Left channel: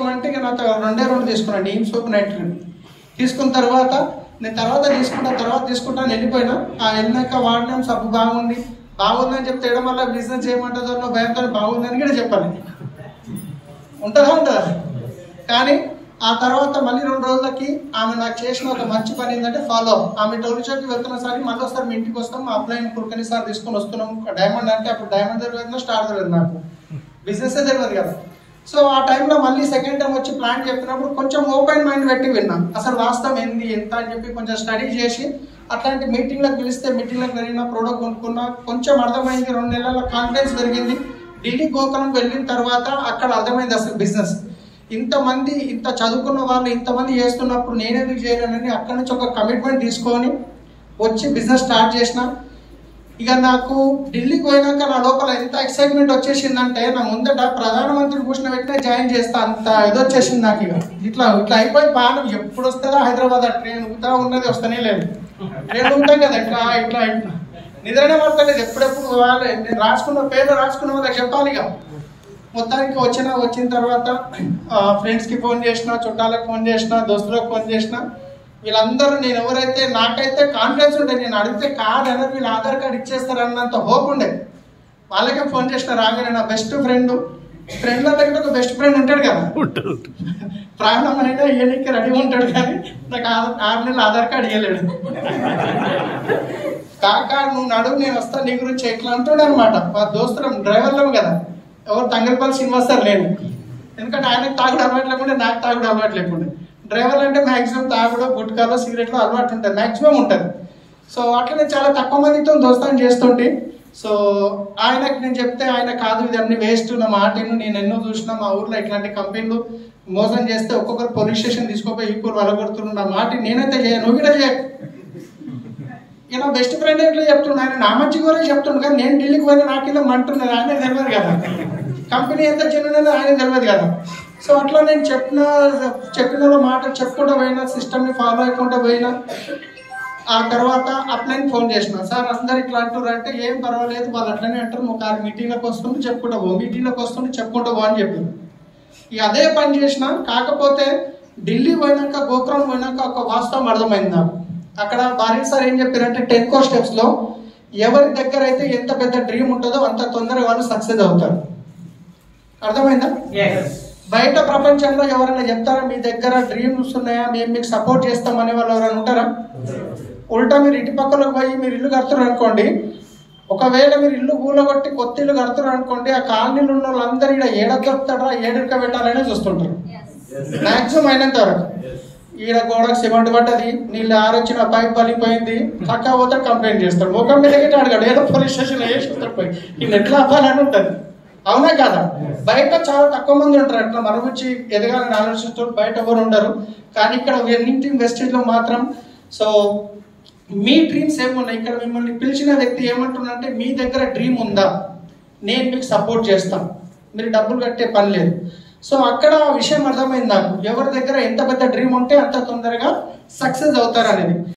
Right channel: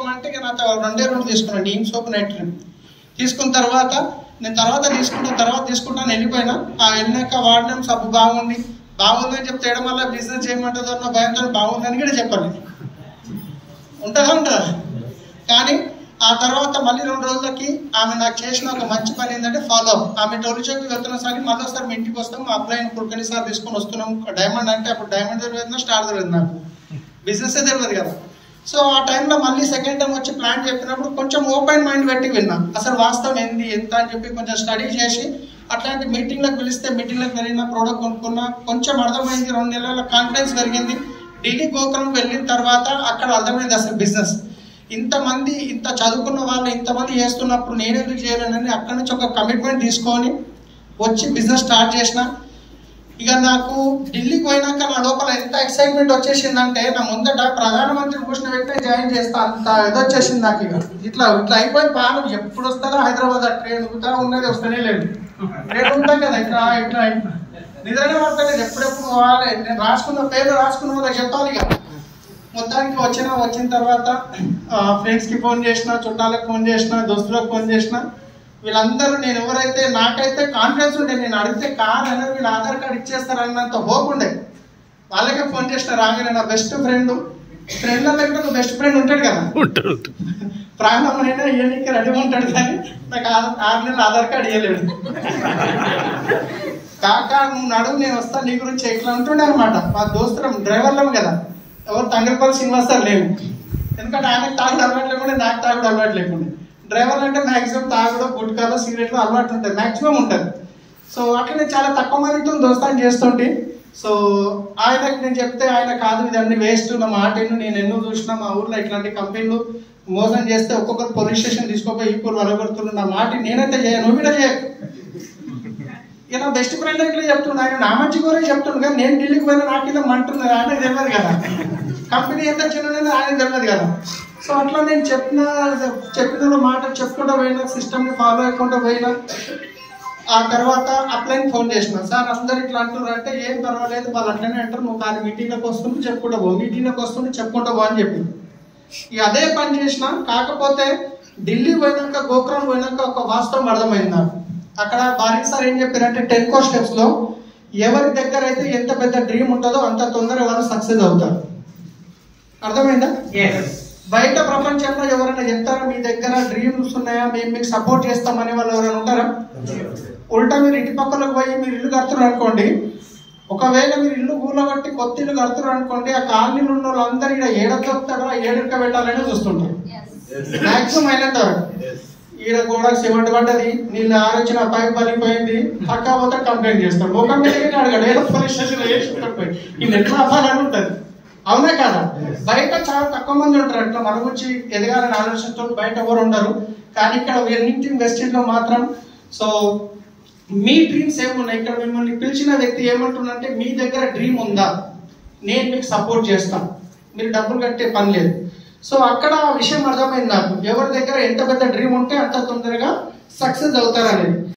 తీసుకోమంటే ఇక నాతో 2 తీసుకున్నాను నీమ్ సోప్ నైట్ క్రీమ్. తీసుకున్న తర్వాత నేను తర్వాత తీసుకుంటాను వెళ్ళిపోయినా. వెళ్ళినాక వాడినాం సబ్బు బాగుందని చెప్తే ఏడ మళ్ళీ బిజినెస్ చేయమంటుందో నా భయంతో బాగుందని కూడా చెప్పాలి. ఉంటుందా. కానీ ఆ తర్వాత మళ్ళీ 2 రోజులకి ఆమె నాకు చేసిన ఒక మంచి పని ఏంటంటే ఫాలో అప్. ఆమె టోరిచోకి వెళ్తున్నాం సార్, మళ్ళీ ఒకసారి మీ ఇంటికి వస్తాం, మా అప్లైన్ కుడుకని సార్ తీసుకొని వస్తున్నాం. డైమండ్ అంటే అప్పుడు డైమండ్ తెలియదు, స్టార్ తెలియదు, నాకు బిజినెస్ తెలియదు కదా. సో ఆ టైంలో మళ్ళీ సెకండ్ టైం వచ్చి ప్లాన్ చెప్పినప్పుడు కొంచెం ఓపెన్ మైండ్ పెట్టి విన్నాను. అసలు వాస్తవం ఏంది ఎంత అని చెప్పి కొంచెం స్టడీ చేసి అట్లాంటి మీటింగ్లకు పిలిస్తే మీటింగ్లకు వెళ్ళిన ప్రోడక్ట్ కొనుక్కున్నా. కొంచెం అర్థమైంది, 2 నెలల కాన్ఫిడెన్స్ పెరిగింది. ఢిల్లీ గోకులం వెళ్ళిన తర్వాత అక్కడ అర్థమైంది అసలు బిజినెస్ ఇంతమంది ఇంత చదువుకున్న వాళ్ళు ఇంతమంది చేస్తున్నప్పుడు నేనెందుకు చేయలేనని అక్కడి నుంచి ఒక కమిట్మెంట్ తీసుకొని వచ్చి బిజినెస్ స్టార్ట్ చేసిన. ఇక నాకు ఢిల్లీకి పోయినాక నా లోపల ఎంత ఎక్సైట్మెంట్ వచ్చేసిందంటే నా ముందట ప్రధానమంత్రిని కూర్చున్న వ్యక్తే జాయిన్ చేస్తా అంత ఇది వచ్చేసింది నాకు. ఇట్లా అయిపోయి పానం ఎప్పుడు వస్తుందో హైదరాబాద్ ఆ ట్రైన్ ఊగుతా ఉన్నది, వస్తూనే లేదు. ట్రైన్ ఉంటాం కదా ఇట్లా నిద్రనే పడతలేదు, ఎప్పుడెప్పుడు పోవాలి. నేను రాసుకున్న పేర్లు రాసుకున్న వాళ్ళకి చెప్పాలి. ఇక మొత్తానికి వచ్చిన తర్వాత ఫ్రెండ్స్కి ఫోన్ చేసిన, చుట్టాలకు ఫోన్ చేసిన, దోస్తులకు ఫోన్ చేసిన. వీళ్ళందరూ నేను ఎవరైతే నాకైతే కాన్ఫిడెన్స్ ఉండే, నేను అడిగితే కాదన్నారు, వీళ్ళు ఆధార్ కార్డు ఇచ్చేస్తారన్నంత హోప్ ఉండే. వాళ్ళకే ఫోన్ చేసిన రాగానే నా బెస్ట్ ఫ్రెండ్ల దగ్గర ఒక బెస్ట్ ఫ్రెండ్ ఉంటాడు కదా, ప్రాణమైనా ఇయ్యడానికి రెడీ ఉంటాడు. కానీ నాకు 6 నెలలు ఆధార్ కార్డు ఇవ్వలేడు. కాకా నువ్వు నడువు, నేను వస్తాను, నీ గురించి ఎట్లా అంటుండే అనమాట. మా దోస్తులం డ్రైవర్లం కదా, ఎవరు తంగలపల్లి శ్రీనివాస్ సార్ లేవు. ఎందుకంటే ఆయనకు తాగుడు అలవాటు లేకుండే, నాకు తాగుడు అలవాటు లేకుండే. డ్రైవర్లు అంటే మ్యాక్సిమం తాగుడు, గుట్కాలు, సిగరెట్లు అలవాటు ఉంటుంది, మ్యాక్సిమం ఉంటుంది. సో అట్లనే చాలా తక్కువ మందితో దోస్తాన్ని చేస్తుంటే. సో ఆయనకి నేను చెప్తే ఆయన కాదు ఇదన్నీ వేస్ట్, నా మాట నేను ఎన్నో చూసినా మా ఊర్లో ఇట్లాంటి కంపెనీలు మోసం చేస్తే ఒక్కొక్కరు పోలీస్ స్టేషన్ తీసుకోపోయి ఈపూర్ వలగొడుతున్నారు, నా మాట నేనైతే చేయను, నువ్వు కూడా చేయ. ఇక నా బెస్ట్ ఫ్రెండ్ ఇట్లా చెప్తున్నాడు, ఆయన నా మంచి కూడా చెప్తున్నాడు. కానీ నేను ఢిల్లీకి పోయినా నాకు ఇలా మంటున్నారు, ఆయన తెలియదు కదా, కంపెనీ ఎంత చిన్నది ఆయన తెలియదు కదా. సో అట్లా నేను చెప్పిన మాట చెప్పుకుంటూ పోయినా, సిస్టమ్ని ఫాలో అయ్యకుండా పోయినా. ఆ తర్వాత అప్లైన్ ఫోన్ చేసిన, సార్ అందరు ఇట్లా అంటున్నారు అంటే ఏం పర్వాలేదు, వాళ్ళు అట్లనే అంటారు, నువ్వు కాదు మీటింగ్లకు వస్తుంటే చెప్పుకుంటా పో అని చెప్పి ఇక అదే పని చేసిన. కాకపోతే ఢిల్లీ పోయినాక, గోకులం పోయినాక ఒక వాస్తవం అర్థమైంది నాకు. అక్కడ భారీ సార్ ఏం చెప్పారంటే 10 core స్టెప్స్లో ఎవరి దగ్గర అయితే ఎంత పెద్ద డ్రీమ్ ఉంటుందో అంత తొందరగా వాళ్ళు సక్సెస్ అవుతారు. అర్థమైందా? బయట ప్రపంచంలో ఎవరైనా చెప్తారా మీ దగ్గర డ్రీమ్స్ ఉన్నాయా, మేము మీకు సపోర్ట్ చేస్తామనే వాళ్ళు ఎవరైనా ఉంటారా? ఉల్టా మీరు ఇటు పక్కలకు పోయి మీరు ఇల్లు కడుతున్నారు అనుకోండి, ఒకవేళ మీరు ఇల్లు కూలగొట్టి కొత్త ఇల్లు కడుతున్నారు అనుకోండి, ఆ కాలనీలు ఉన్న వాళ్ళందరూ ఇక్కడ ఏడ దొరుకుతాడా, ఏడుక పెట్టాలనే చూస్తుంటారు మ్యాక్సిమం. అయినంత వరకు ఈడ గోడకు సిమెంట్ పడ్డది, నీళ్ళు ఆరొచ్చిన పైప్ పలిపోయింది, కాకపోతే కంప్లైంట్ చేస్తాడు, ముఖం మీదకి అడగాడు, ఏదో పోలీస్ స్టేషన్ వేసి పోయి ఈయన ఎట్లా అవ్వాలని ఉంటుంది. అవునా కదా? బయట చాలా తక్కువ మంది ఉంటారు అట్లా మన గురించి ఎదగాలని ఆలోచిస్తూ, బయట ఎవరు ఉండరు. కానీ ఇక్కడ ఎన్నింటింగ్ వెస్టేజ్లో మాత్రం. సో మీ డ్రీమ్స్ ఏమున్నాయి? ఇక్కడ మిమ్మల్ని పిలిచిన వ్యక్తి ఏమంటున్నారంటే మీ దగ్గర డ్రీమ్ ఉందా, నేను మీకు సపోర్ట్ చేస్తాను, మీరు డబ్బులు కట్టే పని లేదు. సో అక్కడ ఆ విషయం అర్థమైంది నాకు, ఎవరి దగ్గర ఎంత పెద్ద డ్రీమ్ ఉంటే అంత తొందరగా సక్సెస్ అవుతారు అనేది.